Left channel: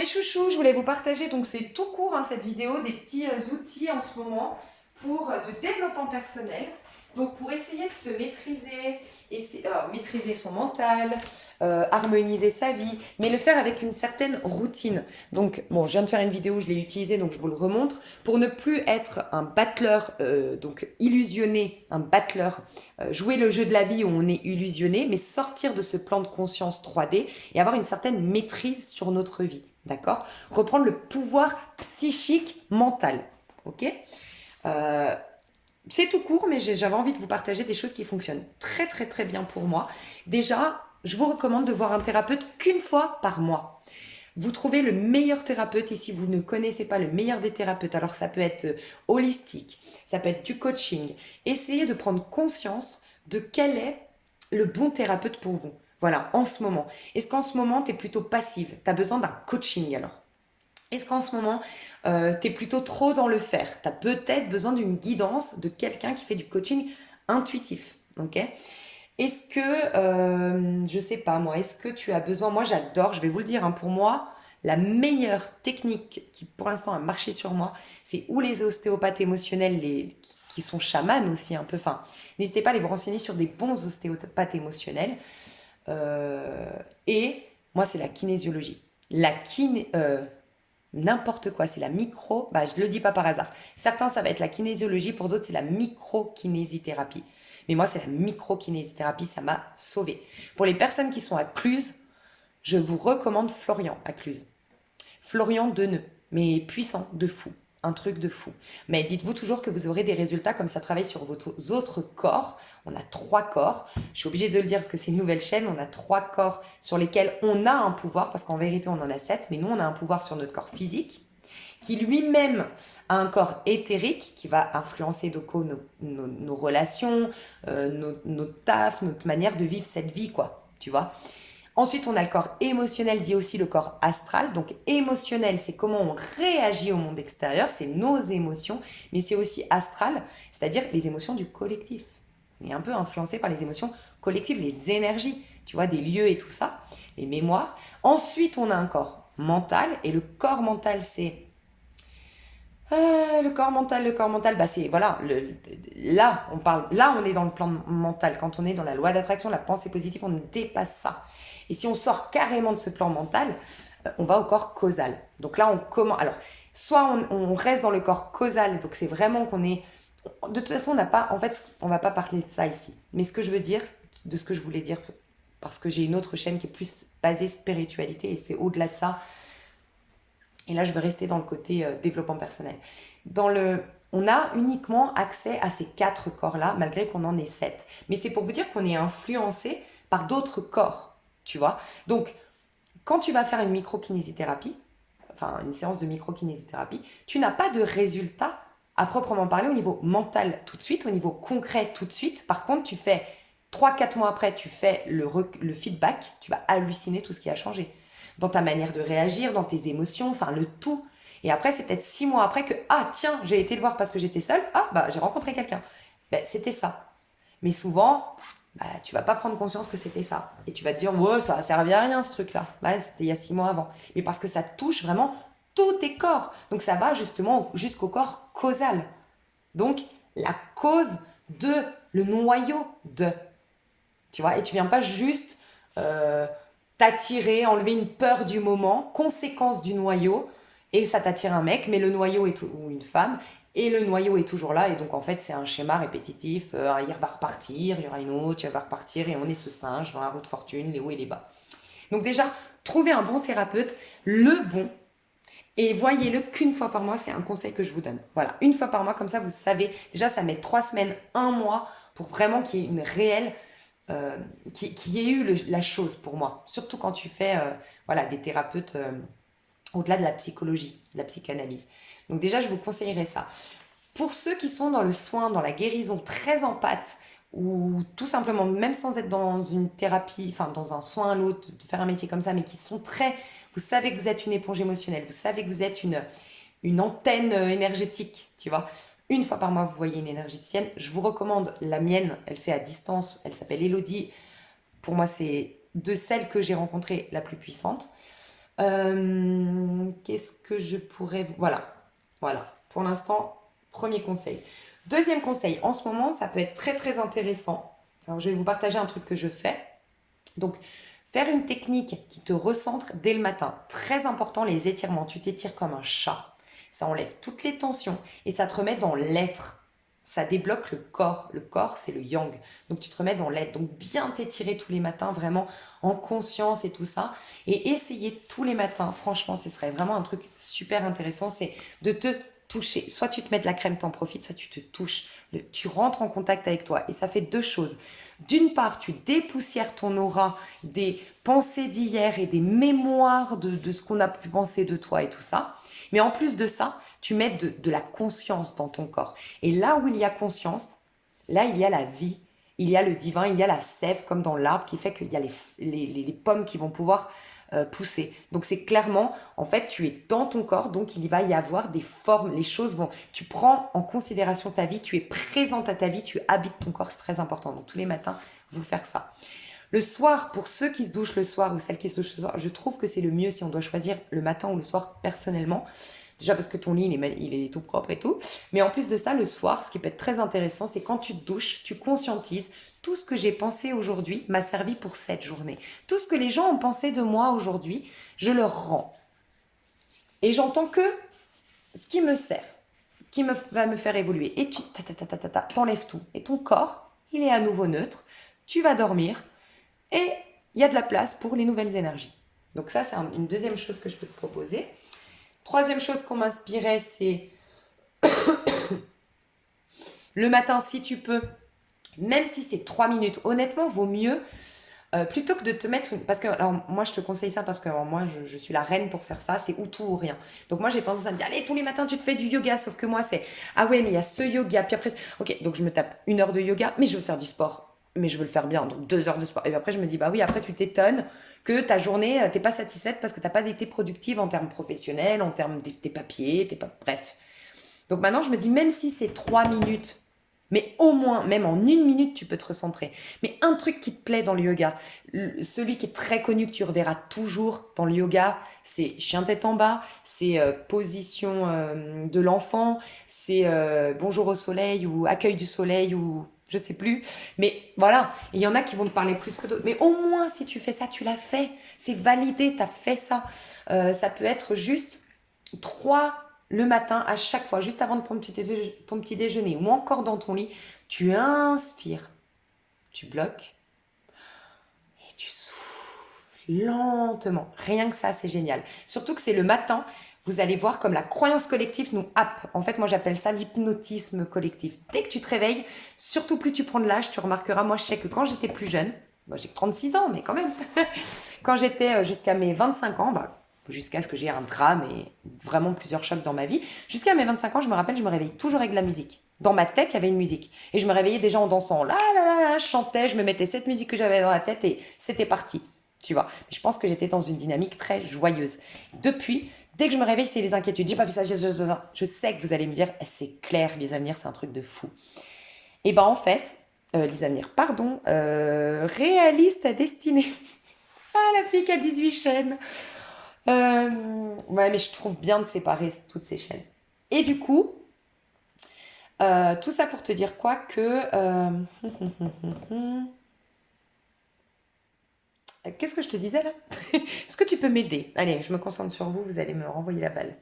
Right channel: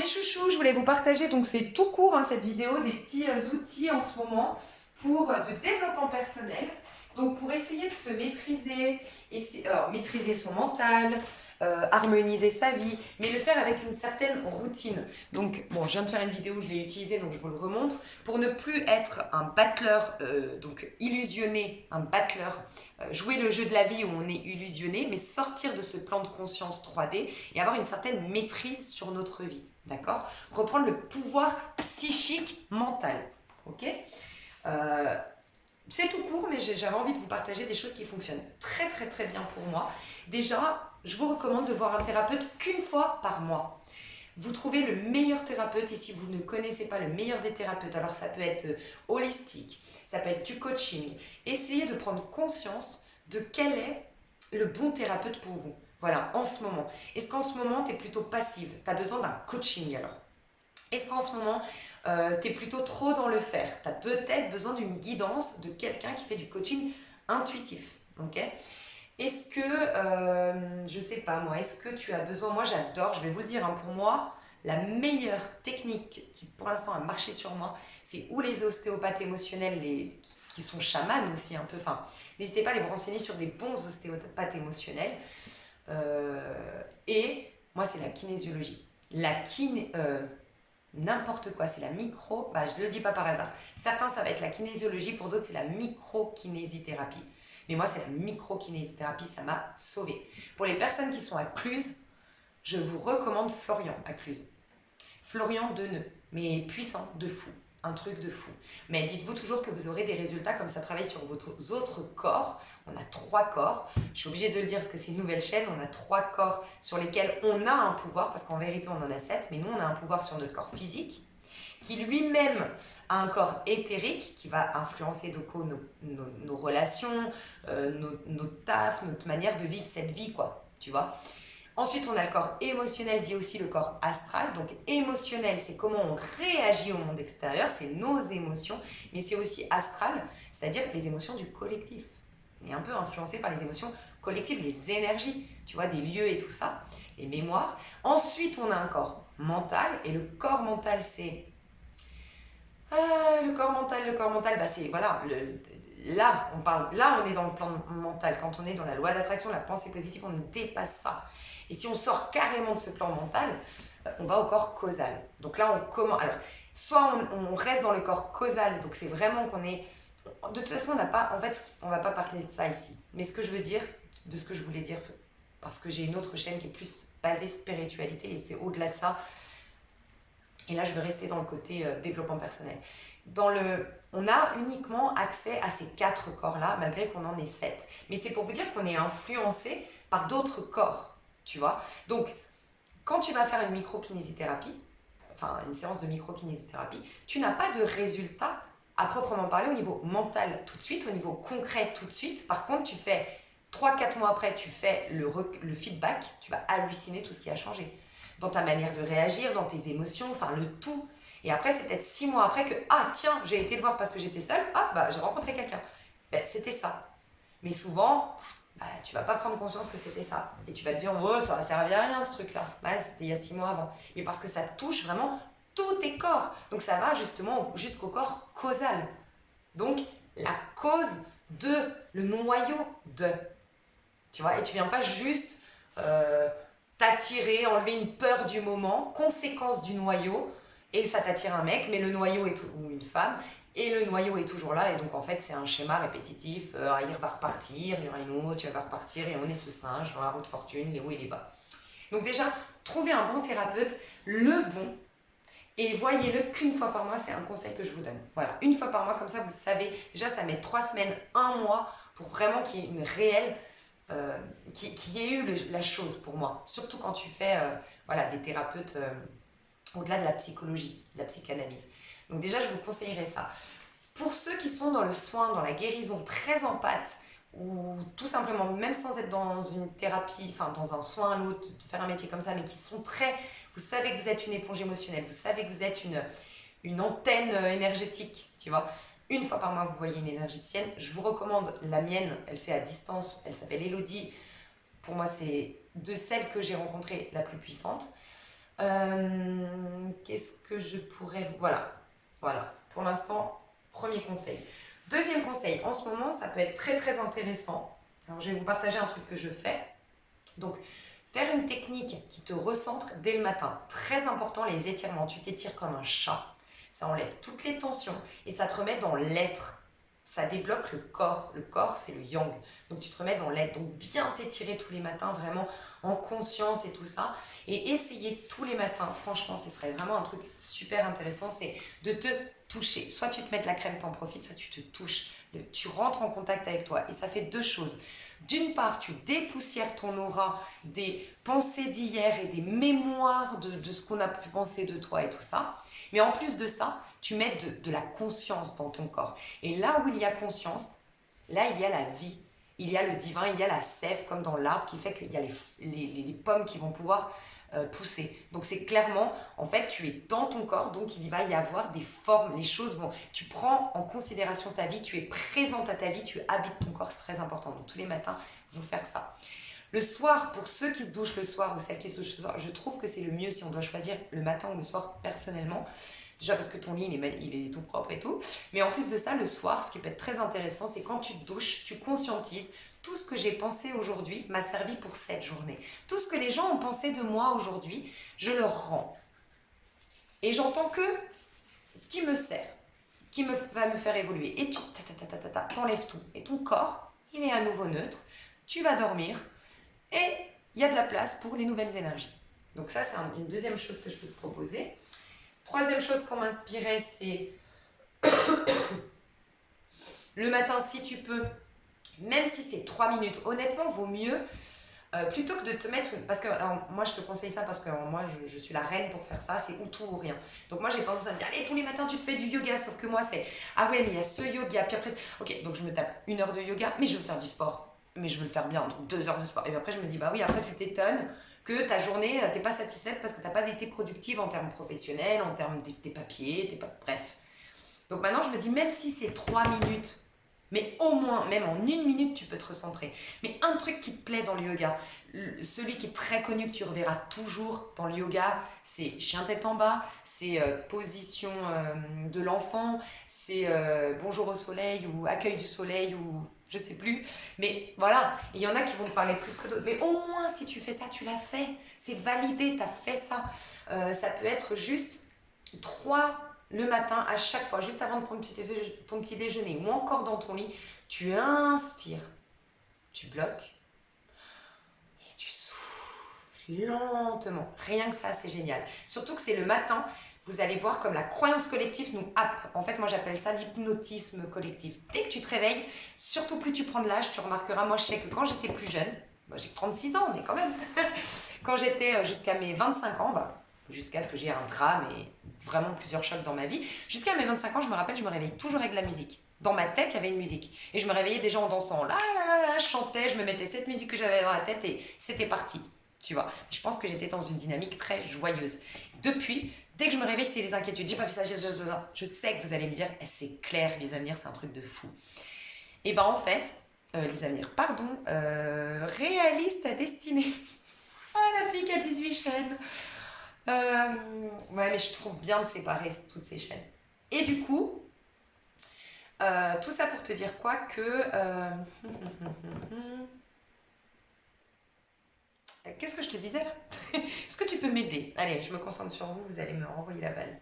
mes chouchous, je voulais vous partager, donc c'est tout court hein, cette vidéo, des petits outils en ce moment pour de développement personnel. Donc pour essayer de se maîtriser, maîtriser son mental, harmoniser sa vie, mais le faire avec une certaine routine. Donc bon, je viens de faire une vidéo, je l'ai utilisée, donc je vous le remontre, pour ne plus être un battleur, donc illusionné, un battleur, jouer le jeu de la vie où on est illusionné, mais sortir de ce plan de conscience 3D et avoir une certaine maîtrise sur notre vie. D'accord? Reprendre le pouvoir psychique mental. Ok? Euh, c'est tout court, mais j'avais envie de vous partager des choses qui fonctionnent très très très bien pour moi. Déjà, je vous recommande de voir un thérapeute qu'une fois par mois. Vous trouvez le meilleur thérapeute et si vous ne connaissez pas le meilleur des thérapeutes, alors ça peut être holistique, ça peut être du coaching. Essayez de prendre conscience de quel est le bon thérapeute pour vous. Voilà, en ce moment. Est-ce qu'en ce moment, tu es plutôt passive? Tu as besoin d'un coaching alors? Est-ce qu'en ce moment, tu es plutôt trop dans le faire? Tu as peut-être besoin d'une guidance de quelqu'un qui fait du coaching intuitif. Ok? Est-ce que, je sais pas moi, est-ce que tu as besoin, moi j'adore, je vais vous le dire, hein, pour moi, la meilleure technique qui pour l'instant a marché sur moi, c'est ou les ostéopathes émotionnels, qui sont chamans aussi un peu, enfin, n'hésitez pas à aller vous renseigner sur des bons ostéopathes émotionnels. Et moi c'est la kinésiologie. La kiné, n'importe quoi, c'est la micro, bah je le dis pas par hasard. Certains ça va être la kinésiologie, pour d'autres c'est la micro-kinésithérapie. Mais moi c'est la micro-kinésithérapie, ça m'a sauvée. Pour les personnes qui sont à Cluse, je vous recommande Florian à Cluse. Florian Deneux, mais puissant, de fou. Un truc de fou. Mais dites-vous toujours que vous aurez des résultats comme ça travaille sur vos autres corps. On a 3 corps. Je suis obligée de le dire parce que c'est une nouvelle chaîne. On a 3 corps sur lesquels on a un pouvoir, parce qu'en vérité on en a 7, mais nous on a un pouvoir sur notre corps physique, qui lui-même a un corps éthérique qui va influencer nos relations, nos tafs, notre manière de vivre cette vie, quoi. Tu vois. Ensuite, on a le corps émotionnel, dit aussi le corps astral. Donc, émotionnel, c'est comment on réagit au monde extérieur, c'est nos émotions, mais c'est aussi astral, c'est-à-dire les émotions du collectif. On est un peu influencé par les émotions collectives, les énergies, tu vois, des lieux et tout ça, les mémoires. Ensuite, on a un corps mental, et le corps mental, c'est le corps mental, bah c'est voilà, là on parle, là on est dans le plan mental. Quand on est dans la loi d'attraction, la pensée positive, on dépasse ça. Et si on sort carrément de ce plan mental, on va au corps causal. Donc là on commence. Alors, soit on reste dans le corps causal, donc c'est vraiment qu'on est. De toute façon, on n'a pas, en fait, on va pas parler de ça ici. Mais ce que je veux dire, de ce que je voulais dire, parce que j'ai une autre chaîne qui est plus basée spiritualité et c'est au-delà de ça. Et là, je vais rester dans le côté développement personnel. On a uniquement accès à ces 4 corps-là, malgré qu'on en ait 7. Mais c'est pour vous dire qu'on est influencé par d'autres corps, tu vois. Donc, quand tu vas faire une microkinésithérapie, enfin une séance de microkinésithérapie, tu n'as pas de résultat à proprement parler au niveau mental tout de suite, au niveau concret tout de suite. Par contre, tu fais 3 4 mois après, tu fais le feedback, tu vas halluciner tout ce qui a changé dans ta manière de réagir, dans tes émotions, enfin le tout. Et après, c'est peut-être 6 mois après que, ah tiens, j'ai été le voir parce que j'étais seule, ah bah j'ai rencontré quelqu'un. Ben, c'était ça. Mais souvent, bah, tu vas pas prendre conscience que c'était ça. Et tu vas te dire, ouais, ça a servi à rien ce truc-là. Bah, c'était il y a 6 mois avant. Mais parce que ça touche vraiment tous tes corps. Donc ça va justement jusqu'au corps causal. Donc la cause de, le noyau de. Tu vois, et tu viens pas juste t'attirer, enlever une peur du moment, conséquence du noyau, et ça t'attire un mec, mais le noyau est ou une femme, et le noyau est toujours là, et donc en fait c'est un schéma répétitif, il va repartir, il y aura une autre, il va repartir, et on est ce singe dans la roue de fortune, les hauts et les bas. Donc déjà, trouvez un bon thérapeute, le bon, et voyez-le qu'une fois par mois, c'est un conseil que je vous donne. Voilà, une fois par mois, comme ça vous savez, déjà ça met 3 semaines, un mois, pour vraiment qu'il y ait une réelle euh, qui ait eu la chose pour moi. Surtout quand tu fais voilà, des thérapeutes au-delà de la psychologie, de la psychanalyse. Donc déjà, je vous conseillerais ça. Pour ceux qui sont dans le soin, dans la guérison, très en pâte, ou tout simplement, même sans être dans une thérapie, enfin dans un soin à l'autre, de faire un métier comme ça, mais qui sont très... Vous savez que vous êtes une éponge émotionnelle, vous savez que vous êtes une antenne énergétique, tu vois. Une fois par mois, vous voyez une énergéticienne. Je vous recommande la mienne, elle fait à distance, elle s'appelle Elodie. Pour moi, c'est de celles que j'ai rencontrées la plus puissante. que je pourrais... Voilà, voilà. Pour l'instant, premier conseil. Deuxième conseil, en ce moment, ça peut être très très intéressant. Alors, je vais vous partager un truc que je fais. Donc, faire une technique qui te recentre dès le matin. Très important, les étirements. Tu t'étires comme un chat. Ça enlève toutes les tensions et ça te remet dans l'être. Ça débloque le corps. Le corps, c'est le yang. Donc, tu te remets dans l'être. Donc, bien t'étirer tous les matins, vraiment en conscience et tout ça. Et essayer tous les matins, franchement, ce serait vraiment un truc super intéressant. C'est de te toucher. Soit tu te mets de la crème, t'en profites, soit tu te touches. Tu rentres en contact avec toi. Et ça fait deux choses. D'une part, tu dépoussières ton aura des pensées d'hier et des mémoires de ce qu'on a pu penser de toi et tout ça. Mais en plus de ça, tu mets de la conscience dans ton corps. Et là où il y a conscience, là, il y a la vie. Il y a le divin, il y a la sève comme dans l'arbre qui fait qu'il y a les pommes qui vont pouvoir pousser. Donc c'est clairement, en fait, tu es dans ton corps, donc il va y avoir des formes, les choses vont... Tu prends en considération ta vie, tu es présente à ta vie, tu habites ton corps, c'est très important. Donc tous les matins, vous faire ça. Le soir, pour ceux qui se douchent le soir ou celles qui se douchent le soir, je trouve que c'est le mieux si on doit choisir le matin ou le soir personnellement. Déjà parce que ton lit, il est tout propre et tout. Mais en plus de ça, le soir, ce qui peut être très intéressant, c'est quand tu te douches, tu conscientises tout ce que j'ai pensé aujourd'hui m'a servi pour cette journée. Tout ce que les gens ont pensé de moi aujourd'hui, je leur rends. Et j'entends que ce qui me sert, va me faire évoluer. Et tu t'enlèves tout. Et ton corps, il est à nouveau neutre. Tu vas dormir. Et il y a de la place pour les nouvelles énergies. Donc ça, c'est une deuxième chose que je peux te proposer. Troisième chose qu'on m'inspirait, c'est le matin, si tu peux, même si c'est 3 minutes, honnêtement, vaut mieux, plutôt que de te mettre... Parce que alors, moi, je te conseille ça parce que alors, moi, je suis la reine pour faire ça, c'est ou tout ou rien. Donc moi, j'ai tendance à me dire, allez, tous les matins, tu te fais du yoga, sauf que moi, c'est, ah ouais, mais il y a ce yoga, puis après, ok, donc je me tape 1 heure de yoga, mais je veux faire du sport. Mais je veux le faire bien, donc 2 heures de sport. Et puis après, je me dis, bah oui, après, tu t'étonnes que ta journée, t'es pas satisfaite parce que t'as pas été productive en termes professionnels, en termes de tes papiers, bref. Donc maintenant, je me dis, même si c'est 3 minutes, mais au moins, même en 1 minute, tu peux te recentrer. Mais un truc qui te plaît dans le yoga, celui qui est très connu, que tu reverras toujours dans le yoga, c'est chien tête en bas, c'est position de l'enfant, c'est bonjour au soleil ou accueil du soleil ou je sais plus. Mais voilà, il y en a qui vont te parler plus que d'autres. Mais au moins, si tu fais ça, tu l'as fait. C'est validé, tu as fait ça. Ça peut être juste 3 le matin à chaque fois, juste avant de prendre ton petit déjeuner ou encore dans ton lit, tu inspires, tu bloques et tu souffles lentement. Rien que ça, c'est génial. Surtout que c'est le matin, vous allez voir comme la croyance collective nous happe. En fait, moi j'appelle ça l'hypnotisme collectif. Dès que tu te réveilles, surtout plus tu prends de l'âge, tu remarqueras, moi je sais que quand j'étais plus jeune, moi j'ai 36 ans, mais quand même, quand j'étais jusqu'à mes 25 ans, jusqu'à ce que j'ai un drame et vraiment plusieurs chocs dans ma vie. Jusqu'à mes 25 ans, je me rappelle, je me réveillais toujours avec de la musique. Dans ma tête, il y avait une musique. Et je me réveillais déjà en dansant. Là, là, là, là, je chantais, je me mettais cette musique que j'avais dans la tête et c'était parti. Tu vois. Je pense que j'étais dans une dynamique très joyeuse. Depuis, dès que je me réveille, c'est les inquiétudes. J'ai pas vu ça, je sais que vous allez me dire, c'est clair, les avenirs, c'est un truc de fou. Et ben en fait, les avenirs, pardon, réalise ta destinée. Ah, la fille qui a 18 chaînes. Ouais, mais je trouve bien de séparer toutes ces chaînes. Et du coup, tout ça pour te dire quoi que... Qu'est-ce que je te disais là? Est-ce que tu peux m'aider? Allez, je me concentre sur vous, vous allez me renvoyer la balle.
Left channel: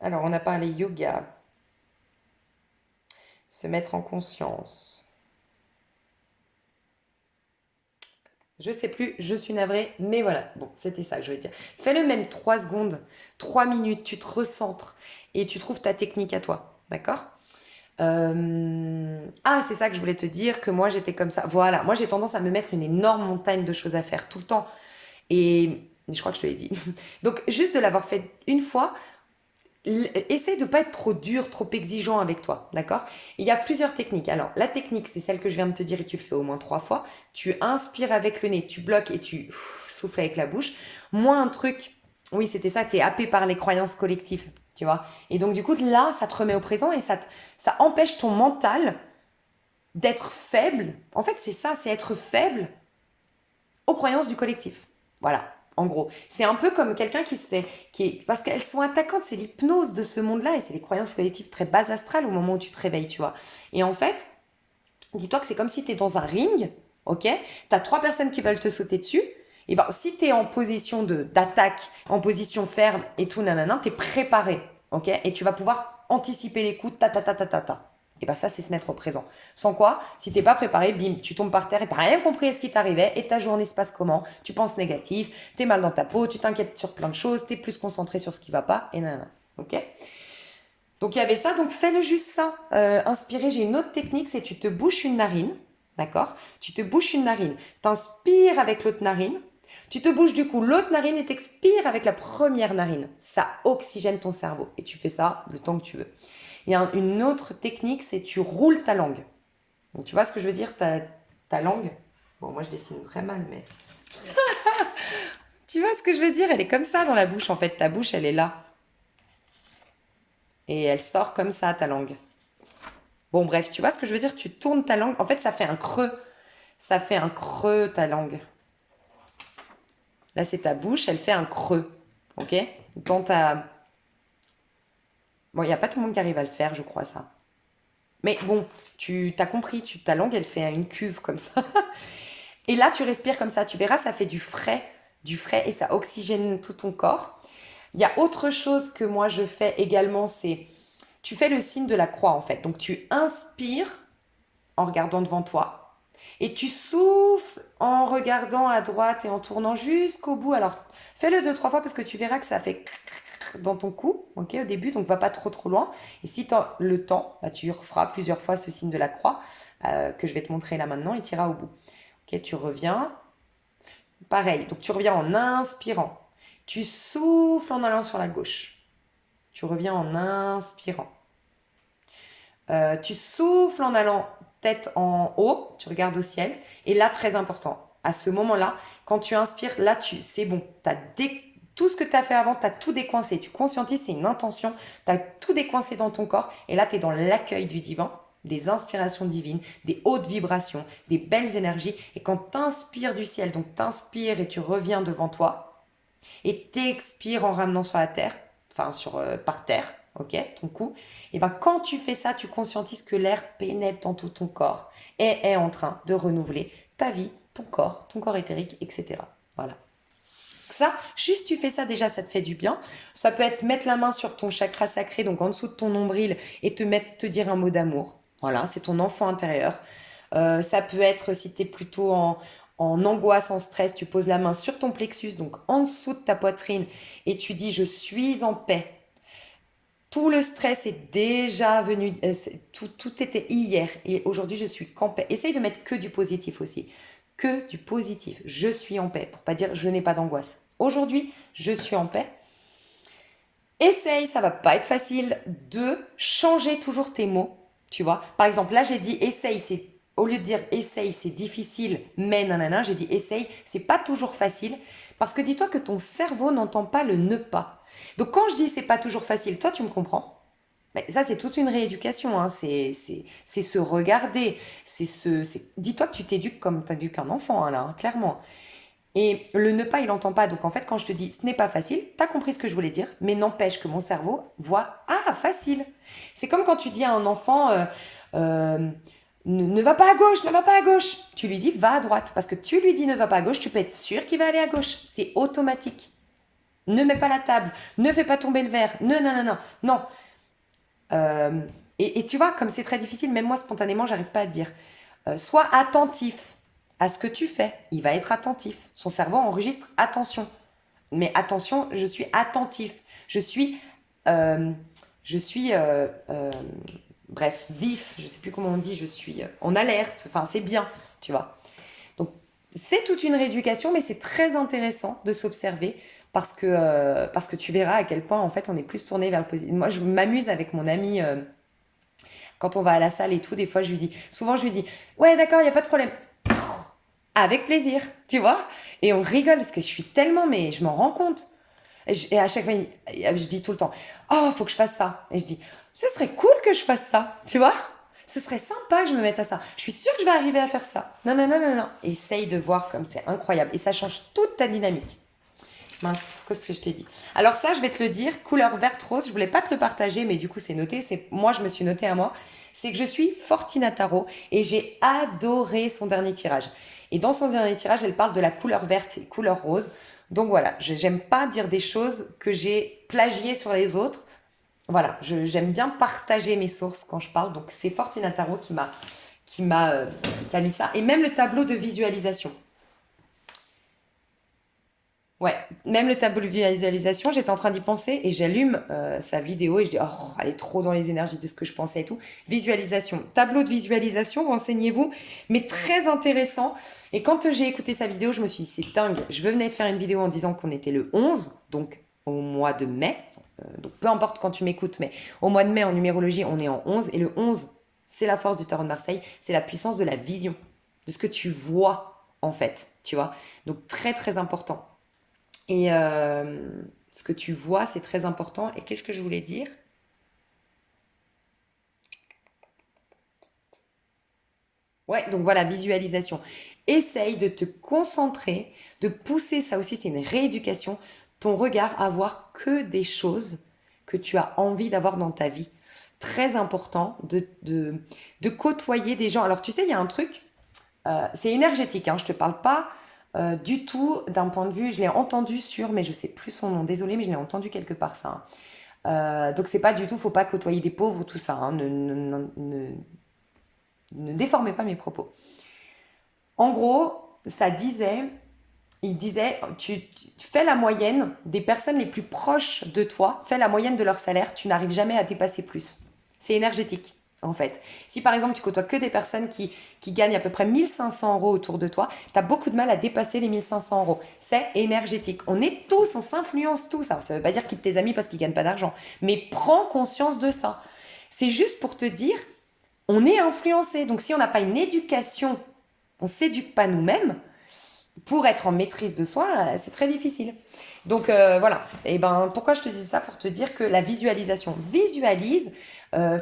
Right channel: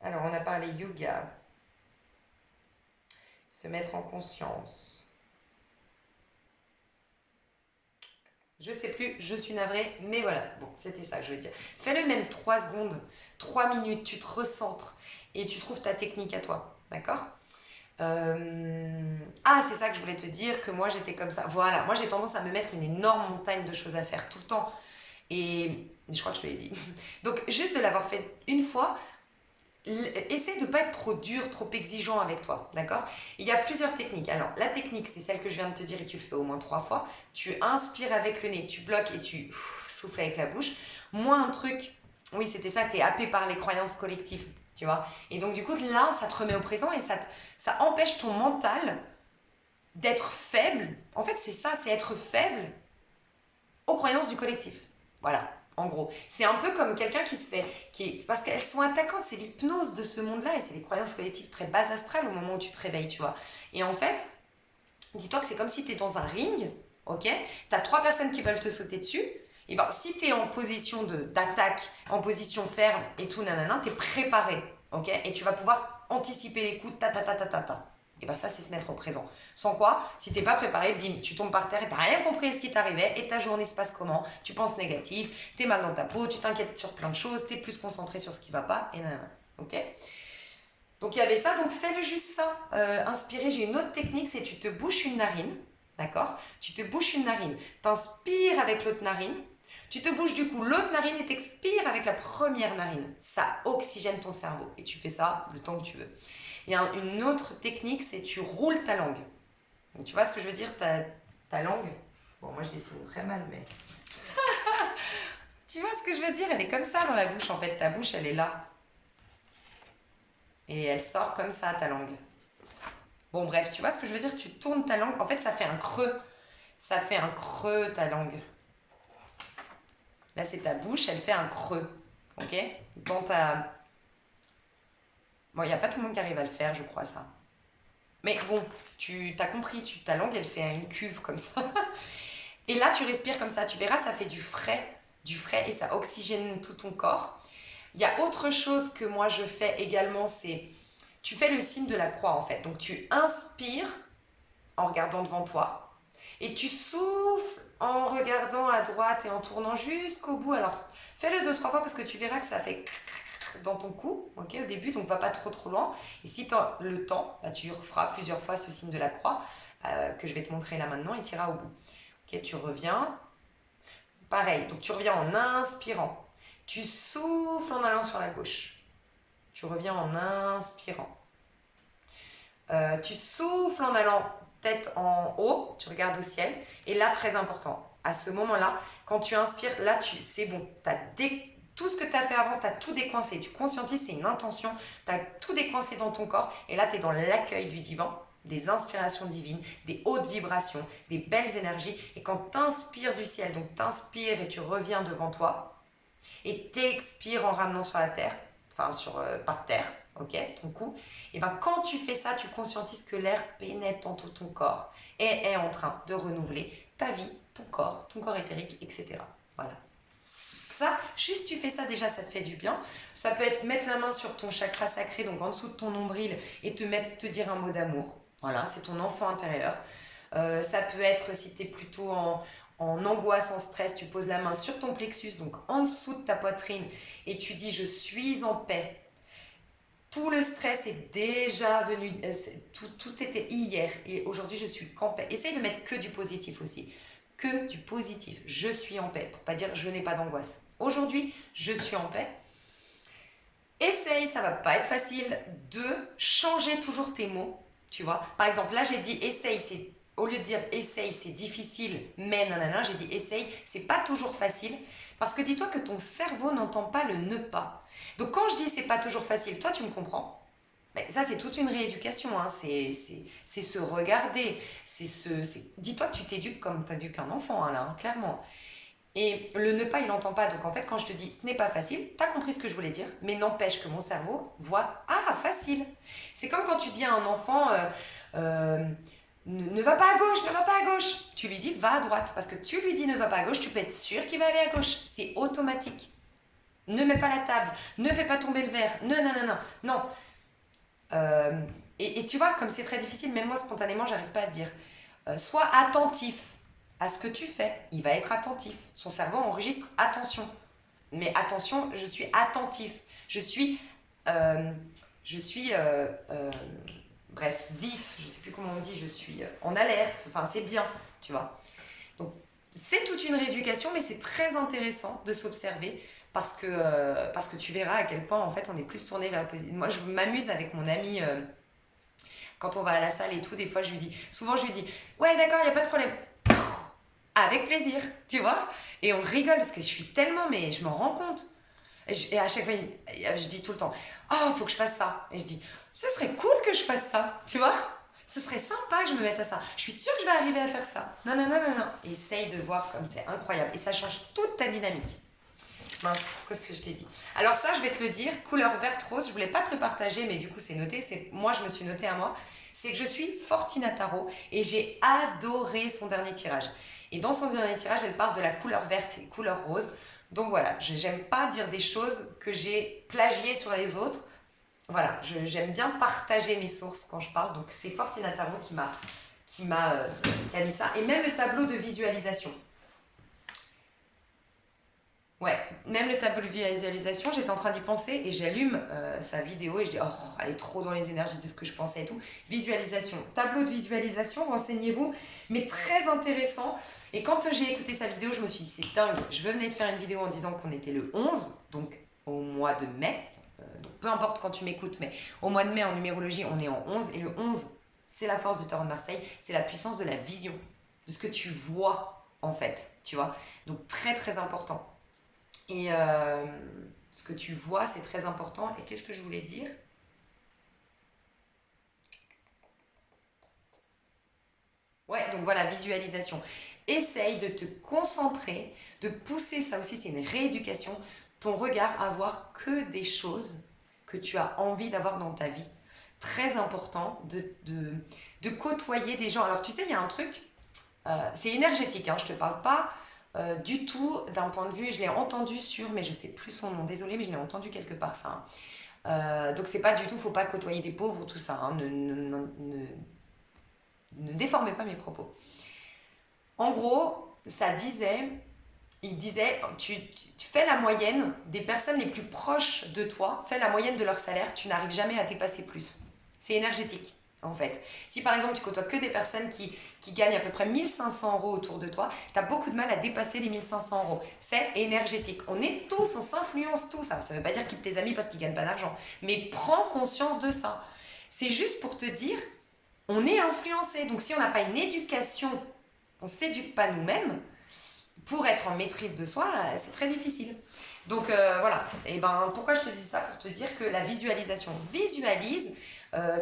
Alors, on a parlé yoga, se mettre en conscience. Je sais plus, je suis navrée, mais voilà. Bon, c'était ça que je veux dire. Fais-le même 3 secondes, 3 minutes, tu te recentres et tu trouves ta technique à toi. D'accord? Ah, c'est ça que je voulais te dire, que moi j'étais comme ça. Voilà, moi j'ai tendance à me mettre une énorme montagne de choses à faire tout le temps. Et je crois que je te l'ai dit. Donc, juste de l'avoir fait une fois, essaie de ne pas être trop dur, trop exigeant avec toi, d'accord? Il y a plusieurs techniques. Alors, la technique, c'est celle que je viens de te dire et tu le fais au moins 3 fois. Tu inspires avec le nez, tu bloques et tu souffles avec la bouche. Moi, un truc, oui, c'était ça, tu es happé par les croyances collectives, tu vois? Et donc, du coup, là, ça te remet au présent et ça empêche ton mental d'être faible. En fait, c'est ça, c'est être faible aux croyances du collectif. Voilà, en gros. C'est un peu comme quelqu'un qui se fait... parce qu'elles sont attaquantes, c'est l'hypnose de ce monde-là et c'est les croyances collectives très bas astrales au moment où tu te réveilles, tu vois. Et en fait, dis-toi que c'est comme si tu es dans un ring, ok? Tu as trois personnes qui veulent te sauter dessus. Et ben, si tu es en position d'attaque, en position ferme et tout, nanana, tu es préparé, ok? Et tu vas pouvoir anticiper les coups, ta ta ta ta ta ta. Et ben ça, c'est se mettre au présent. Sans quoi, si t'es pas préparé, bim, tu tombes par terre et t'as rien compris à ce qui t'arrivait et ta journée se passe comment? Tu penses négatif, t'es mal dans ta peau, tu t'inquiètes sur plein de choses, t'es plus concentré sur ce qui va pas et nanana, ok? Donc il y avait ça, donc fais-le juste ça. Inspirer, j'ai une autre technique, c'est tu te bouches une narine, d'accord? Tu te bouches une narine, t'inspires avec l'autre narine, tu te bouches du coup l'autre narine et t'expires avec la première narine. Ça oxygène ton cerveau et tu fais ça le temps que tu veux. Il y a une autre technique, c'est tu roules ta langue. Donc tu vois ce que je veux dire, ta langue? Bon, moi je dessine très mal, mais... Tu vois ce que je veux dire? Elle est comme ça dans la bouche en fait, ta bouche elle est là. Et elle sort comme ça, ta langue. Bon, bref, tu vois ce que je veux dire? Tu tournes ta langue. En fait, ça fait un creux. Ça fait un creux, ta langue. Là, c'est ta bouche, elle fait un creux. Ok? Dans ta... Bon, il n'y a pas tout le monde qui arrive à le faire, je crois, ça. Mais bon, tu t'as compris, ta langue, elle fait une cuve comme ça. Et là, tu respires comme ça. Tu verras, ça fait du frais et ça oxygène tout ton corps. Il y a autre chose que moi, je fais également, c'est... Tu fais le signe de la croix, en fait. Donc, tu inspires en regardant devant toi. Et tu souffles en regardant à droite et en tournant jusqu'au bout. Alors, fais-le deux, trois fois parce que tu verras que ça fait dans ton cou, ok, au début, donc va pas trop loin. Et si tu as le temps, bah, tu referas plusieurs fois ce signe de la croix que je vais te montrer là maintenant et tu iras au bout. Ok, tu reviens. Pareil, donc tu reviens en inspirant. Tu souffles en allant sur la gauche. Tu reviens en inspirant. Tu souffles en allant tête en haut, tu regardes au ciel. Et là, très important, à ce moment-là, quand tu inspires, là, c'est bon. Tout ce que tu as fait avant, tu as tout décoincé. Tu conscientises, c'est une intention. Tu as tout décoincé dans ton corps. Et là, tu es dans l'accueil du divin, des inspirations divines, des hautes vibrations, des belles énergies. Et quand tu inspires du ciel, donc tu inspires et tu reviens devant toi, et t'expires en ramenant sur la terre, enfin par terre, ok, ton cou, et ben quand tu fais ça, tu conscientises que l'air pénètre dans tout ton corps et est en train de renouveler ta vie, ton corps éthérique, etc. Voilà. Ça, juste tu fais ça déjà, ça te fait du bien. Ça peut être mettre la main sur ton chakra sacré, donc en dessous de ton nombril, et te dire un mot d'amour. Voilà, c'est ton enfant intérieur. Ça peut être, si tu es plutôt en angoisse, en stress, tu poses la main sur ton plexus, donc en dessous de ta poitrine, et tu dis je suis en paix. Tout le stress est déjà venu, tout était hier, et aujourd'hui je suis qu'en paix. Essaye de mettre que du positif aussi, que du positif. Je suis en paix, pour pas dire je n'ai pas d'angoisse. Aujourd'hui, je suis en paix. Essaye, ça va pas être facile, de changer toujours tes mots, tu vois. Par exemple, là j'ai dit essaye, c'est au lieu de dire essaye, c'est difficile, mais nanana, j'ai dit essaye, c'est pas toujours facile. Parce que dis-toi que ton cerveau n'entend pas le ne pas. Donc quand je dis c'est pas toujours facile, toi tu me comprends. Mais ça, c'est toute une rééducation, hein. C'est se regarder. Dis-toi que tu t'éduques comme tu éduques un enfant, hein, là, hein, clairement. Et le ne pas, il n'entend pas. Donc en fait, quand je te dis ce n'est pas facile, tu as compris ce que je voulais dire, mais n'empêche que mon cerveau voit ah, facile. C'est comme quand tu dis à un enfant euh, ne va pas à gauche, ne va pas à gauche. Tu lui dis va à droite. Parce que tu lui dis ne va pas à gauche, tu peux être sûr qu'il va aller à gauche. C'est automatique. Ne mets pas la table, ne fais pas tomber le verre, non. Non. Et tu vois, comme c'est très difficile, même moi spontanément, j'arrive pas à te dire. Sois attentif à ce que tu fais. Il va être attentif. Son cerveau enregistre attention. Mais attention, je suis attentif. Euh, je suis, bref, vif. Je sais plus comment on dit. Je suis en alerte. Enfin, c'est bien, tu vois. Donc, c'est toute une rééducation, mais c'est très intéressant de s'observer parce que tu verras à quel point, en fait, on est plus tourné vers le positif. Moi, je m'amuse avec mon ami quand on va à la salle et tout. Des fois, souvent, je lui dis, ouais, d'accord, il n'y a pas de problème. Avec plaisir, tu vois. Et on rigole parce que je suis tellement, mais je m'en rends compte. Et à chaque fois, je dis tout le temps, oh, faut que je fasse ça. Et je dis, ce serait cool que je fasse ça, tu vois. Ce serait sympa que je me mette à ça. Je suis sûre que je vais arriver à faire ça. Non, non, non, non, non. Essaye de voir comme c'est incroyable. Et ça change toute ta dynamique. Mince, qu'est-ce que je t'ai dit? Alors ça, je vais te le dire, couleur verte rose, je voulais pas te le partager, mais du coup c'est noté, moi je me suis noté à moi, c'est que je suis Fortina Tarot et j'ai adoré son dernier tirage. Et dans son dernier tirage, elle parle de la couleur verte et couleur rose. Donc voilà, j'aime pas dire des choses que j'ai plagiées sur les autres. Voilà, j'aime bien partager mes sources quand je parle, donc c'est Fortina Tarot qui a mis ça. Et même le tableau de visualisation. Ouais, même le tableau de visualisation, j'étais en train d'y penser et j'allume sa vidéo et je dis, oh, elle est trop dans les énergies de ce que je pensais et tout. Visualisation, tableau de visualisation, renseignez-vous, mais très intéressant. Et quand j'ai écouté sa vidéo, je me suis dit, c'est dingue. Je venais de faire une vidéo en disant qu'on était le 11, donc au mois de mai. Donc peu importe quand tu m'écoutes, mais au mois de mai en numérologie, on est en 11. Et le 11, c'est la force du tarot de Marseille, c'est la puissance de la vision, de ce que tu vois en fait, tu vois. Donc très très important. Et ce que tu vois, c'est très important. Et qu'est-ce que je voulais dire? Ouais, donc voilà, visualisation. Essaye de te concentrer, de pousser, ça aussi c'est une rééducation, ton regard à voir que des choses que tu as envie d'avoir dans ta vie. Très important de côtoyer des gens. Alors tu sais, il y a un truc, c'est énergétique, hein, je ne te parle pas du tout d'un point de vue, je l'ai entendu sur, mais je ne sais plus son nom, désolé, mais je l'ai entendu quelque part ça, hein. Donc c'est pas du tout, faut pas côtoyer des pauvres, tout ça, hein. Ne déformez pas mes propos. En gros, il disait, tu fais la moyenne des personnes les plus proches de toi, fais la moyenne de leur salaire, tu n'arrives jamais à dépasser plus. C'est énergétique, en fait. Si par exemple tu côtoies que des personnes qui gagnent à peu près 1 500 € autour de toi, tu as beaucoup de mal à dépasser les 1 500 €. C'est énergétique. On est tous, on s'influence tous. Alors ça ne veut pas dire quitte tes amis parce qu'ils ne gagnent pas d'argent, mais prends conscience de ça. C'est juste pour te dire, on est influencé. Donc si on n'a pas une éducation, on ne s'éduque pas nous-mêmes, pour être en maîtrise de soi, c'est très difficile. Donc voilà. Et ben pourquoi je te dis ça? Pour te dire que la visualisation, visualise.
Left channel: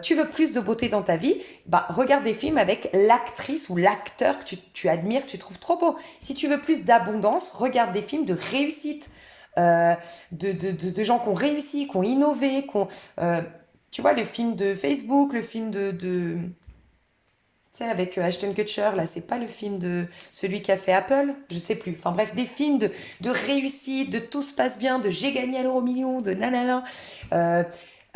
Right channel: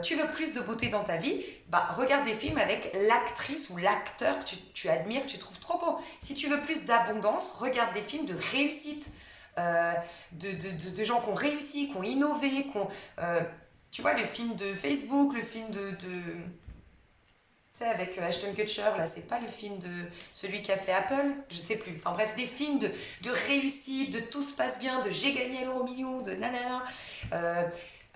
Tu veux plus de beauté dans ta vie, bah regarde des films avec l'actrice ou l'acteur que tu admires, que tu trouves trop beau. Si tu veux plus d'abondance, regarde des films de réussite, euh, de gens qui ont réussi, qui ont innové, tu vois, le film de Facebook, le film tu sais, avec Ashton Kutcher, là, c'est pas le film de celui qui a fait Apple, je sais plus. Enfin bref, des films de réussite, de tout se passe bien, de j'ai gagné à l'euro million, de nanana.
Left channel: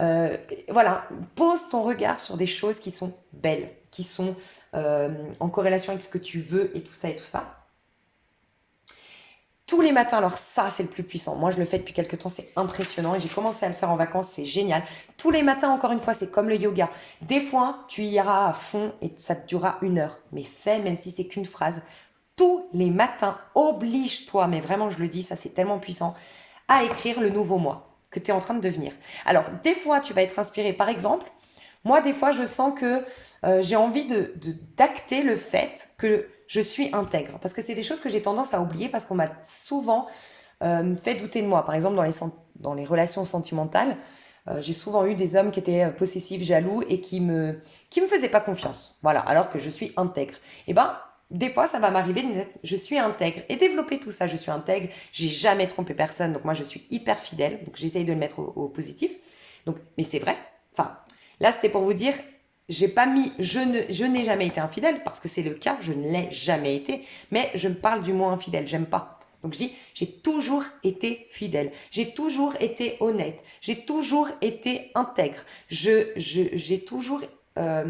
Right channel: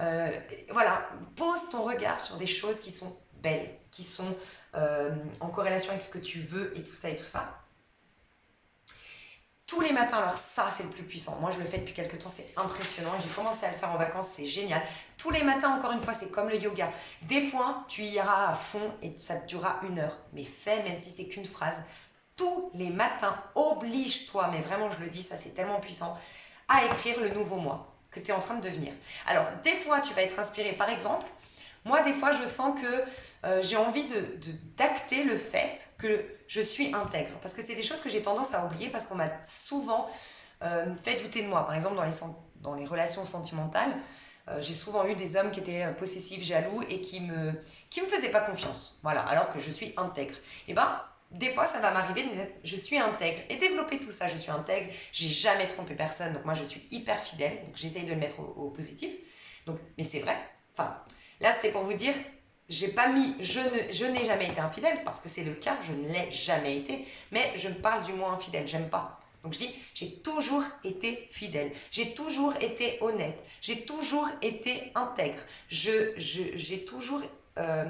Euh, voilà, pose ton regard sur des choses qui sont belles, qui sont en corrélation avec ce que tu veux et tout ça et tout ça. Tous les matins, alors ça c'est le plus puissant. Moi je le fais depuis quelques temps, c'est impressionnant et j'ai commencé à le faire en vacances, c'est génial. Tous les matins, encore une fois, c'est comme le yoga. Des fois, tu y iras à fond et ça te durera 1 heure. Mais fais, même si c'est qu'une phrase, tous les matins, oblige-toi, mais vraiment je le dis, ça c'est tellement puissant, à écrire le nouveau moi que tu es en train de devenir. Alors, des fois, tu vas être inspiré. Par exemple, moi, des fois, je sens que j'ai envie d'acter le fait que je suis intègre. Parce que c'est des choses que j'ai tendance à oublier parce qu'on m'a souvent fait douter de moi. Par exemple, dans les relations sentimentales, j'ai souvent eu des hommes qui étaient possessifs, jaloux et qui me faisaient pas confiance. Voilà, alors que je suis intègre. Et ben, des fois, ça va m'arriver de me dire, je suis intègre. Et développer tout ça, je suis intègre, j'ai jamais trompé personne, donc moi je suis hyper fidèle, donc j'essaye de le mettre au positif. Donc, mais c'est vrai. Enfin, là, c'était pour vous dire, j'ai pas mis, je n'ai jamais été infidèle, parce que c'est le cas, je ne l'ai jamais été, mais je me parle du mot infidèle, j'aime pas. Donc je dis, j'ai toujours été fidèle, j'ai toujours été honnête, j'ai toujours été intègre, j'ai toujours, euh,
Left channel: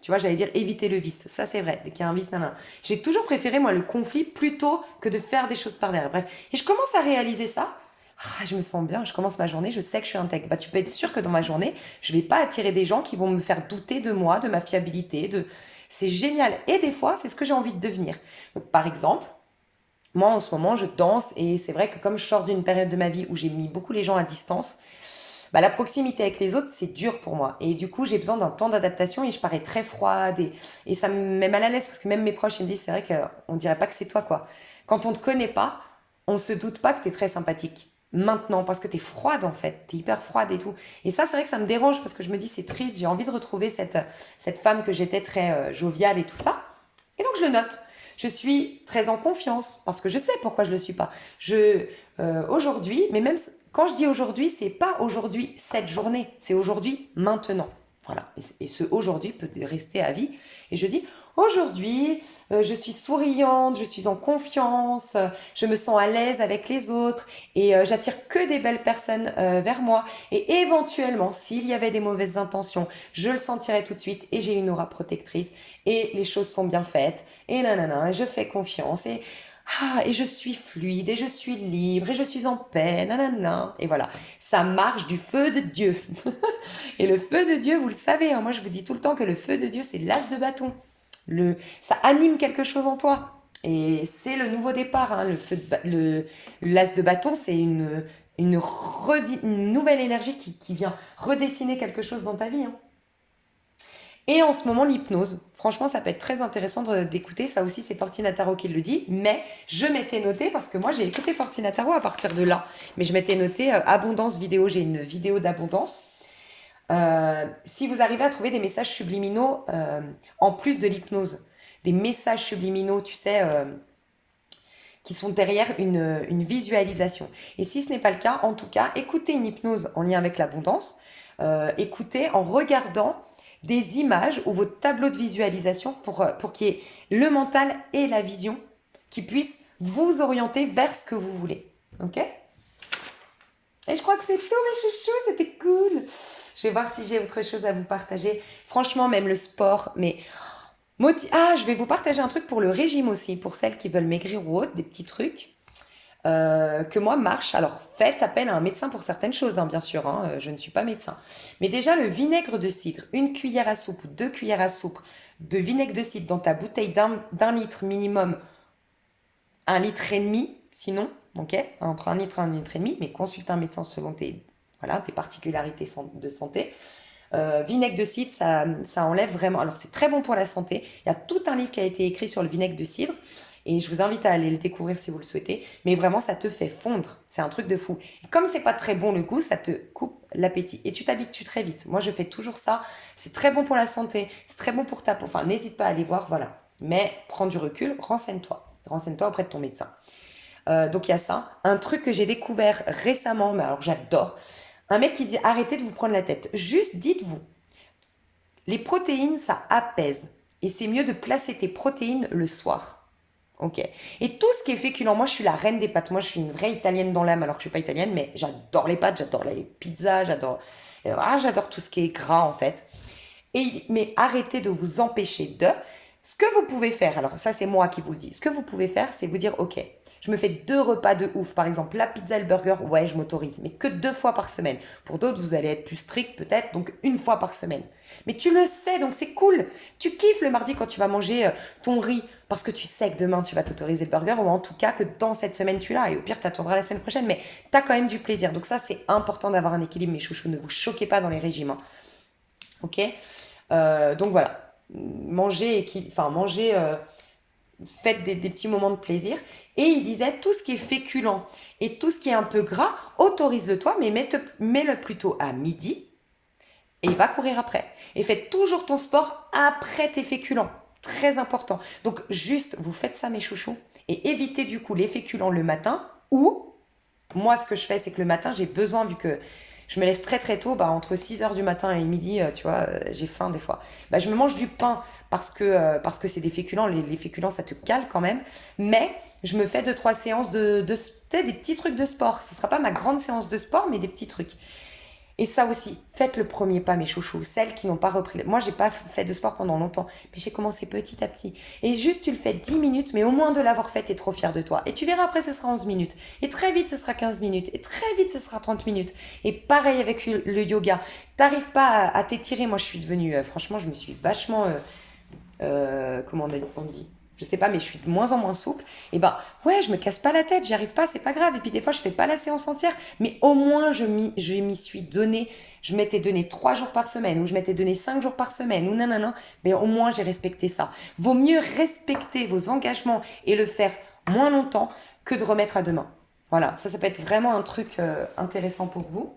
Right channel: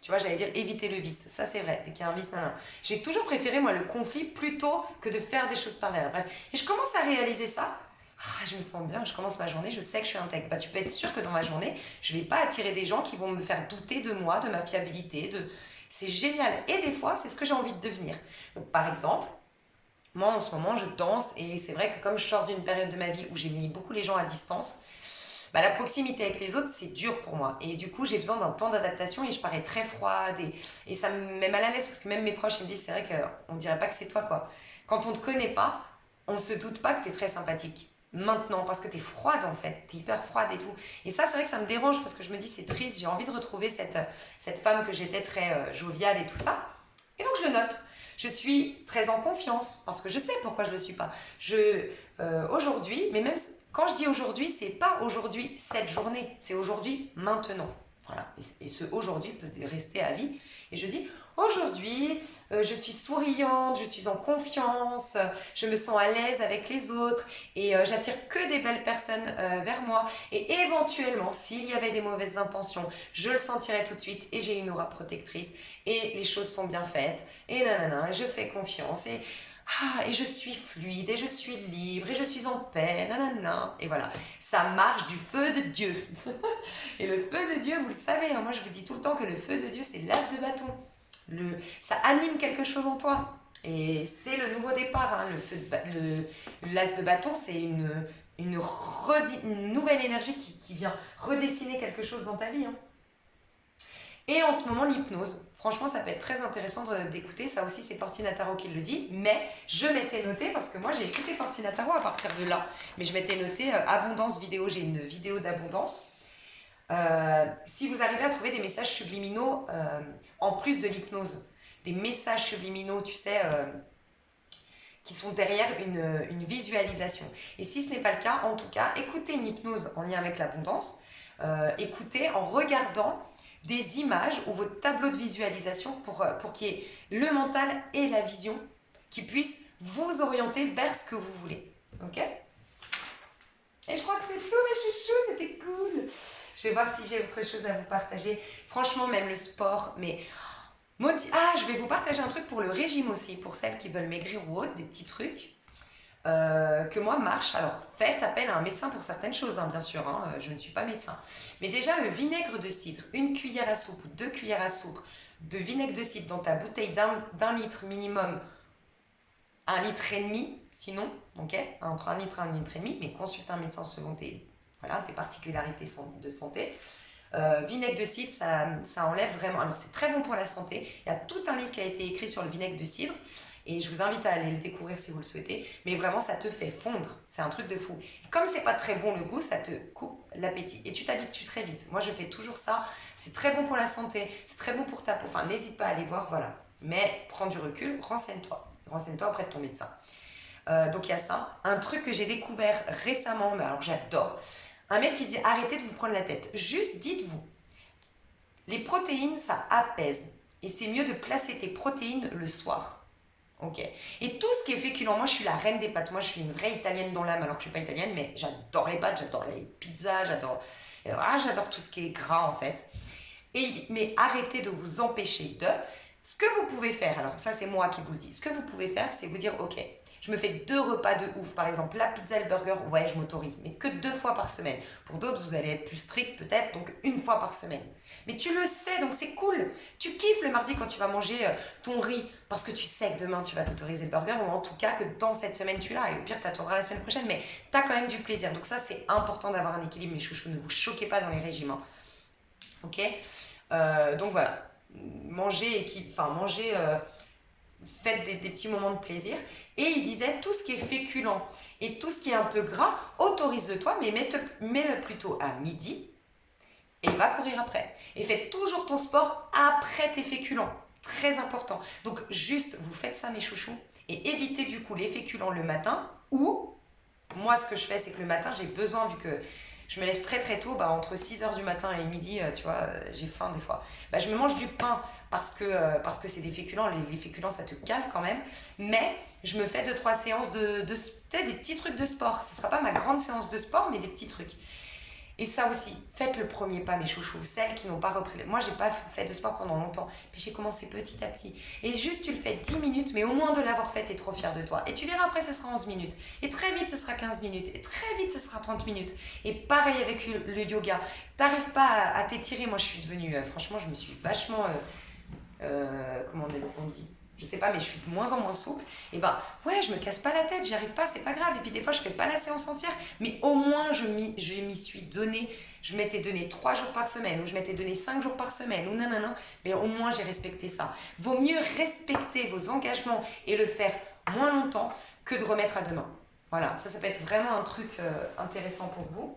tu vois, j'allais dire éviter le vice, ça c'est vrai, dès qu'il y a un vice, nan, nan. J'ai toujours préféré moi le conflit plutôt que de faire des choses par derrière. Bref, et je commence à réaliser ça. Ah, je me sens bien, je commence ma journée, je sais que je suis intègre. Bah, tu peux être sûr que dans ma journée, je vais pas attirer des gens qui vont me faire douter de moi, de ma fiabilité, C'est génial. Et des fois, c'est ce que j'ai envie de devenir. Donc, par exemple, moi, en ce moment, je danse et c'est vrai que comme je sors d'une période de ma vie où j'ai mis beaucoup les gens à distance, bah, la proximité avec les autres, c'est dur pour moi. Et du coup, j'ai besoin d'un temps d'adaptation et je parais très froide et ça me met mal à l'aise parce que même mes proches, ils me disent, c'est vrai qu'on dirait pas que c'est toi, quoi. Quand on te connaît pas, on se doute pas que tu es très sympathique. maintenant parce que tu es froide en fait, tu es hyper froide et tout. Et ça, c'est vrai que ça me dérange parce que je me dis c'est triste, j'ai envie de retrouver cette femme que j'étais très joviale et tout ça. Et donc je le note. Je suis très en confiance parce que je sais pourquoi je ne le suis pas. Aujourd'hui, mais même quand je dis aujourd'hui, c'est pas aujourd'hui cette journée, c'est aujourd'hui maintenant. Voilà. Et ce aujourd'hui peut rester à vie. Et je dis aujourd'hui, je suis souriante, je suis en confiance, je me sens à l'aise avec les autres et j'attire que des belles personnes vers moi. Et éventuellement, s'il y avait des mauvaises intentions, je le sentirais tout de suite et j'ai une aura protectrice et les choses sont bien faites et nanana, je fais confiance et je suis fluide et je suis libre et je suis en paix, nanana. Et voilà, ça marche du feu de Dieu. Et le feu de Dieu, vous le savez, hein, moi je vous dis tout le temps que le feu de Dieu, c'est l'as de bâton. Ça anime quelque chose en toi. Et c'est le nouveau départ. Hein, l'as de bâton, c'est une nouvelle énergie qui vient redessiner quelque chose dans ta vie. Hein. Et en ce moment, l'hypnose. Franchement, ça peut être très intéressant d'écouter. Ça aussi, c'est Fortina Tarot qui le dit. Mais je m'étais noté, parce que moi, j'ai écouté Fortina Tarot à partir de là. Mais je m'étais noté abondance vidéo. J'ai une vidéo d'abondance. Si vous arrivez à trouver des messages subliminaux en plus de l'hypnose, des messages subliminaux, tu sais, qui sont derrière une visualisation. Et si ce n'est pas le cas, en tout cas, écoutez une hypnose en lien avec l'abondance. Écoutez en regardant des images ou votre tableau de visualisation pour qu'il y ait le mental et la vision qui puissent vous orienter vers ce que vous voulez. Ok ? Et je crois que c'est tout, mes chouchous, c'était cool. Je vais voir si j'ai autre chose à vous partager. Franchement, même le sport, mais... je vais vous partager un truc pour le régime aussi, pour celles qui veulent maigrir ou autre, des petits trucs que moi marche. Alors, faites appel à un médecin pour certaines choses, hein, bien sûr, hein, je ne suis pas médecin. Mais déjà, le vinaigre de cidre, 1 cuillère à soupe ou 2 cuillères à soupe de vinaigre de cidre dans ta bouteille d'un litre minimum, 1,5 litre, sinon, ok, entre 1 litre et 1,5 litre, mais consulte un médecin selon tes particularités de santé. Vinaigre de cidre, ça enlève vraiment. Alors, c'est très bon pour la santé. Il y a tout un livre qui a été écrit sur le vinaigre de cidre. Et je vous invite à aller le découvrir si vous le souhaitez. Mais vraiment, ça te fait fondre. C'est un truc de fou. Et comme c'est pas très bon le goût, ça te coupe l'appétit. Et tu t'habitues très vite. Moi, je fais toujours ça. C'est très bon pour la santé. C'est très bon pour ta peau. Enfin, n'hésite pas à aller voir, voilà. Mais prends du recul, renseigne-toi. Renseigne-toi auprès de ton médecin. Donc, il y a ça. Un truc que j'ai découvert récemment, mais alors j'adore. Un mec qui dit arrêtez de vous prendre la tête. Juste dites-vous, les protéines, ça apaise. Et c'est mieux de placer tes protéines le soir. Ok. Et tout ce qui est féculent, moi je suis la reine des pâtes. Moi je suis une vraie italienne dans l'âme alors que je ne suis pas italienne, mais j'adore les pâtes, j'adore les pizzas, j'adore tout ce qui est gras en fait. Mais arrêtez de vous empêcher de. Ce que vous pouvez faire, alors ça c'est moi qui vous le dis, ce que vous pouvez faire c'est vous dire ok, je me fais 2 repas de ouf, par exemple la pizza et le burger, ouais je m'autorise, mais que 2 fois par semaine. Pour d'autres vous allez être plus strict peut-être, donc 1 fois par semaine. Mais tu le sais, donc c'est cool. Tu kiffes le mardi quand tu vas manger ton riz, parce que tu sais que demain tu vas t'autoriser le burger, ou en tout cas que dans cette semaine tu l'as, et au pire tu attendras la semaine prochaine, mais tu as quand même du plaisir. Donc ça c'est important d'avoir un équilibre, mes chouchous, ne vous choquez pas dans les régimes. Hein. Ok donc voilà. Faites des petits moments de plaisir. Et il disait, tout ce qui est féculent et tout ce qui est un peu gras, autorise-le toi, mais mets-le plutôt à midi et va courir après. Et faites toujours ton sport après tes féculents. Très important. Donc juste, vous faites ça mes chouchous et évitez du coup les féculents le matin ou, moi ce que je fais c'est que le matin j'ai besoin, vu que je me lève très très tôt, entre 6h du matin et midi, tu vois, j'ai faim des fois. Je me mange du pain parce que c'est des féculents. Les féculents, ça te cale quand même. Mais je me fais 2-3 séances des petits trucs de sport. Ce ne sera pas ma grande séance de sport, mais des petits trucs. Et ça aussi, faites le premier pas, mes chouchous. Celles qui n'ont pas repris. Moi, j'ai pas fait de sport pendant longtemps, mais j'ai commencé petit à petit. Et juste, tu le fais 10 minutes, mais au moins de l'avoir fait, t'es trop fier de toi. Et tu verras, après, ce sera 11 minutes. Et très vite, ce sera 15 minutes. Et très vite, ce sera 30 minutes. Et pareil avec le yoga. T'arrives pas à t'étirer. Moi, je suis devenue, franchement, je me suis vachement, comment on dit, je sais pas, mais je suis de moins en moins souple. Et ouais, je me casse pas la tête, j'y arrive pas, c'est pas grave. Et puis des fois, je fais pas la séance entière, mais au moins, je m'y suis donné. Je m'étais donné 3 jours par semaine, ou je m'étais donné 5 jours par semaine, ou nanana. Mais au moins, j'ai respecté ça. Vaut mieux respecter vos engagements et le faire moins longtemps que de remettre à demain. Voilà, ça peut être vraiment un truc intéressant pour vous.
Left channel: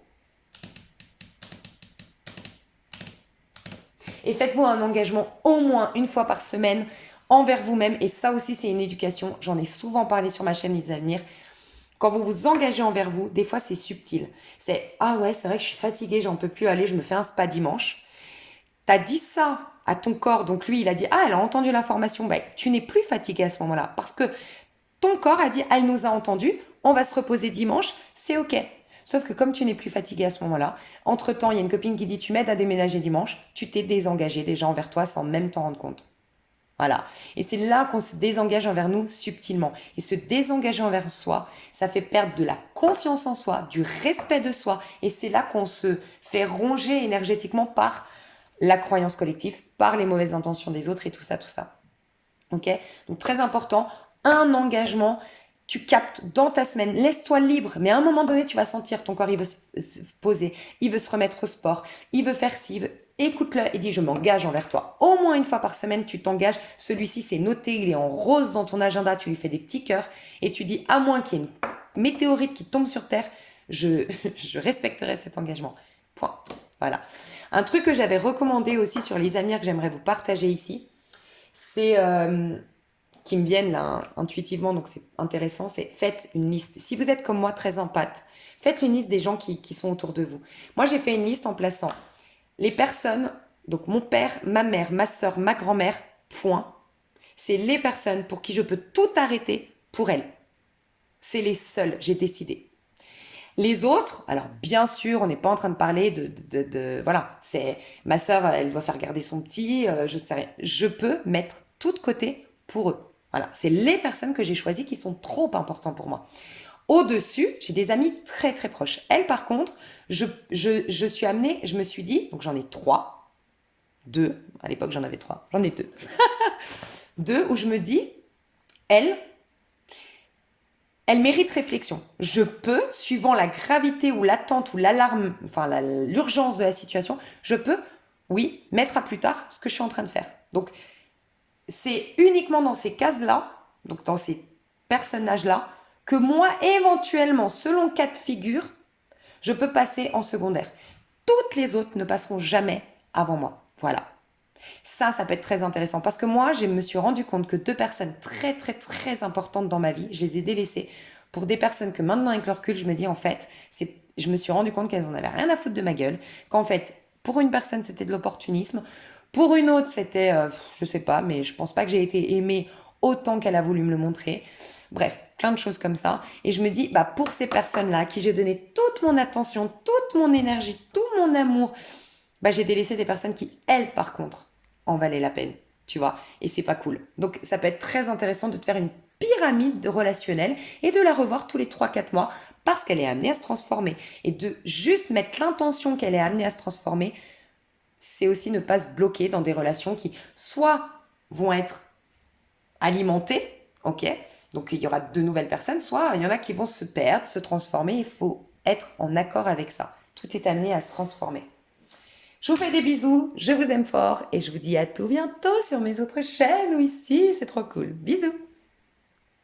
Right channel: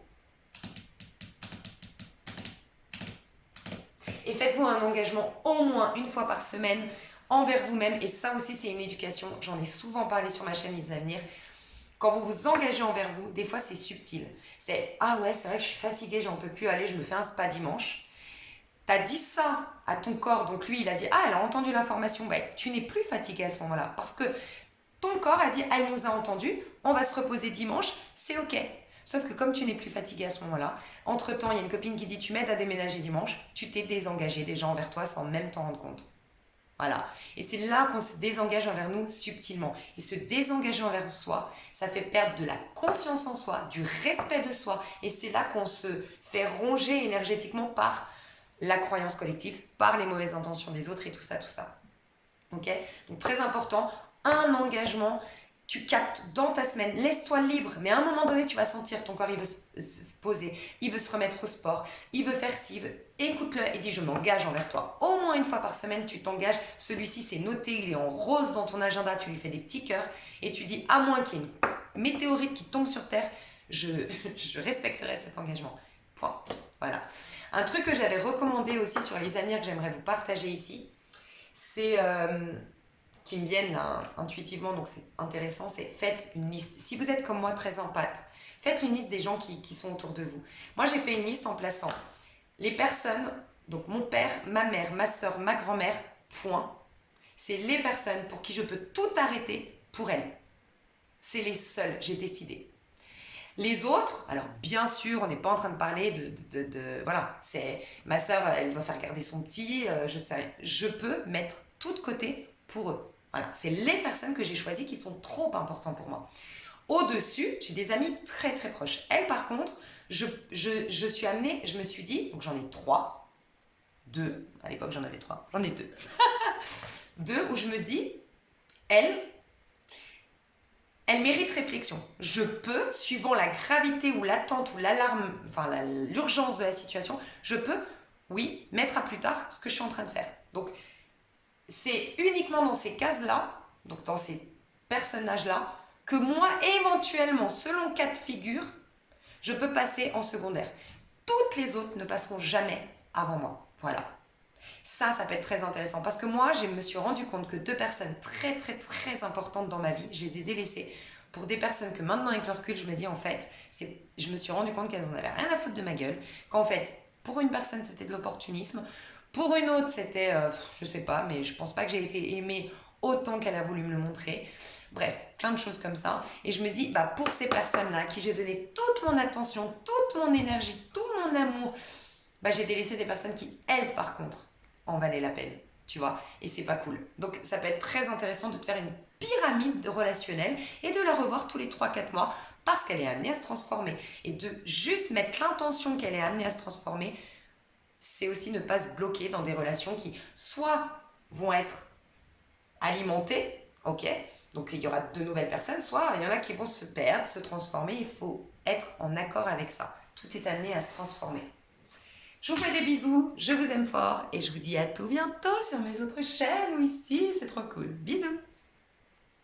Et faites-vous un engagement au moins une fois par semaine envers vous-même. Et ça aussi, c'est une éducation. J'en ai souvent parlé sur ma chaîne Les Avenirs. Quand vous vous engagez envers vous, des fois, c'est subtil. C'est « Ah ouais, c'est vrai que je suis fatiguée, j'en peux plus aller, je me fais un spa dimanche. » T'as dit ça à ton corps, donc lui, il a dit « Ah, elle a entendu l'information. » Ben, tu n'es plus fatigué à ce moment-là. Parce que ton corps a dit « Elle nous a entendu, on va se reposer dimanche, c'est OK. » Sauf que comme tu n'es plus fatigué à ce moment-là, entre-temps, il y a une copine qui dit « Tu m'aides à déménager dimanche. » Tu t'es désengagé déjà envers toi sans même t'en rendre compte. Voilà. Et c'est là qu'on se désengage envers nous subtilement. Et se désengager envers soi, ça fait perdre de la confiance en soi, du respect de soi. Et c'est là qu'on se fait ronger énergétiquement par la croyance collective, par les mauvaises intentions des autres et tout ça, tout ça. Ok? Donc très important, un engagement, tu captes dans ta semaine, laisse-toi libre, mais à un moment donné, tu vas sentir ton corps, il veut se poser, il veut se remettre au sport, il veut faire ci, écoute-le et dis je m'engage envers toi. Au moins une fois par semaine, tu t'engages. Celui-ci, c'est noté, il est en rose dans ton agenda, tu lui fais des petits cœurs et tu dis à moins qu'il y ait une météorite qui tombe sur Terre, je respecterai cet engagement. Point. Voilà. Un truc que j'avais recommandé aussi sur les avenirs que j'aimerais vous partager ici, c'est qui me viennent là intuitivement, donc c'est intéressant, c'est faites une liste. Si vous êtes comme moi très empathe, faites une liste des gens qui sont autour de vous. Moi, j'ai fait une liste en plaçant les personnes, donc mon père, ma mère, ma soeur, ma grand-mère, point. C'est les personnes pour qui je peux tout arrêter pour elles. C'est les seuls, j'ai décidé. Les autres, alors bien sûr, on n'est pas en train de parler voilà, c'est ma sœur, elle doit faire garder son petit, je peux mettre tout de côté pour eux. Voilà, c'est les personnes que j'ai choisies qui sont trop importantes pour moi. Au-dessus, j'ai des amis très très proches. Elles, par contre, je suis amenée, je me suis dit, donc j'en ai trois, deux, à l'époque j'en avais trois, j'en ai deux. Deux où je me dis, elles, elle mérite réflexion. Je peux, suivant la gravité ou l'attente ou l'alarme, enfin l'urgence de la situation, je peux, oui, mettre à plus tard ce que je suis en train de faire. Donc, c'est uniquement dans ces cases-là, donc dans ces personnages-là, que moi, éventuellement, selon cas de figure, je peux passer en secondaire. Toutes les autres ne passeront jamais avant moi. Voilà. Ça peut être très intéressant parce que moi, je me suis rendu compte que deux personnes très, très, très importantes dans ma vie, je les ai délaissées pour des personnes que maintenant, avec le recul, je me dis en fait, je me suis rendu compte qu'elles en avaient rien à foutre de ma gueule, qu'en fait, pour une personne, c'était de l'opportunisme, pour une autre, c'était, je sais pas, mais je pense pas que j'ai été aimée autant qu'elle a voulu me le montrer. Bref, plein de choses comme ça. Et je me dis, bah, pour ces personnes-là, à qui j'ai donné toute mon attention, toute mon énergie, tout mon amour, bah, j'ai délaissé des personnes qui, elles, par contre, en valaient la peine, tu vois. Et c'est pas cool. Donc, ça peut être très intéressant de te faire une pyramide relationnelle et de la revoir tous les 3-4 mois parce qu'elle est amenée à se transformer. Et de juste mettre l'intention qu'elle est amenée à se transformer, c'est aussi ne pas se bloquer dans des relations qui, soit vont être alimentées, ok, donc il y aura de nouvelles personnes, soit il y en a qui vont se perdre, se transformer. Il faut être en accord avec ça. Tout est amené à se transformer. Je vous fais des bisous, je vous aime fort et je vous dis à tout bientôt sur mes autres chaînes ou ici, c'est trop cool. Bisous!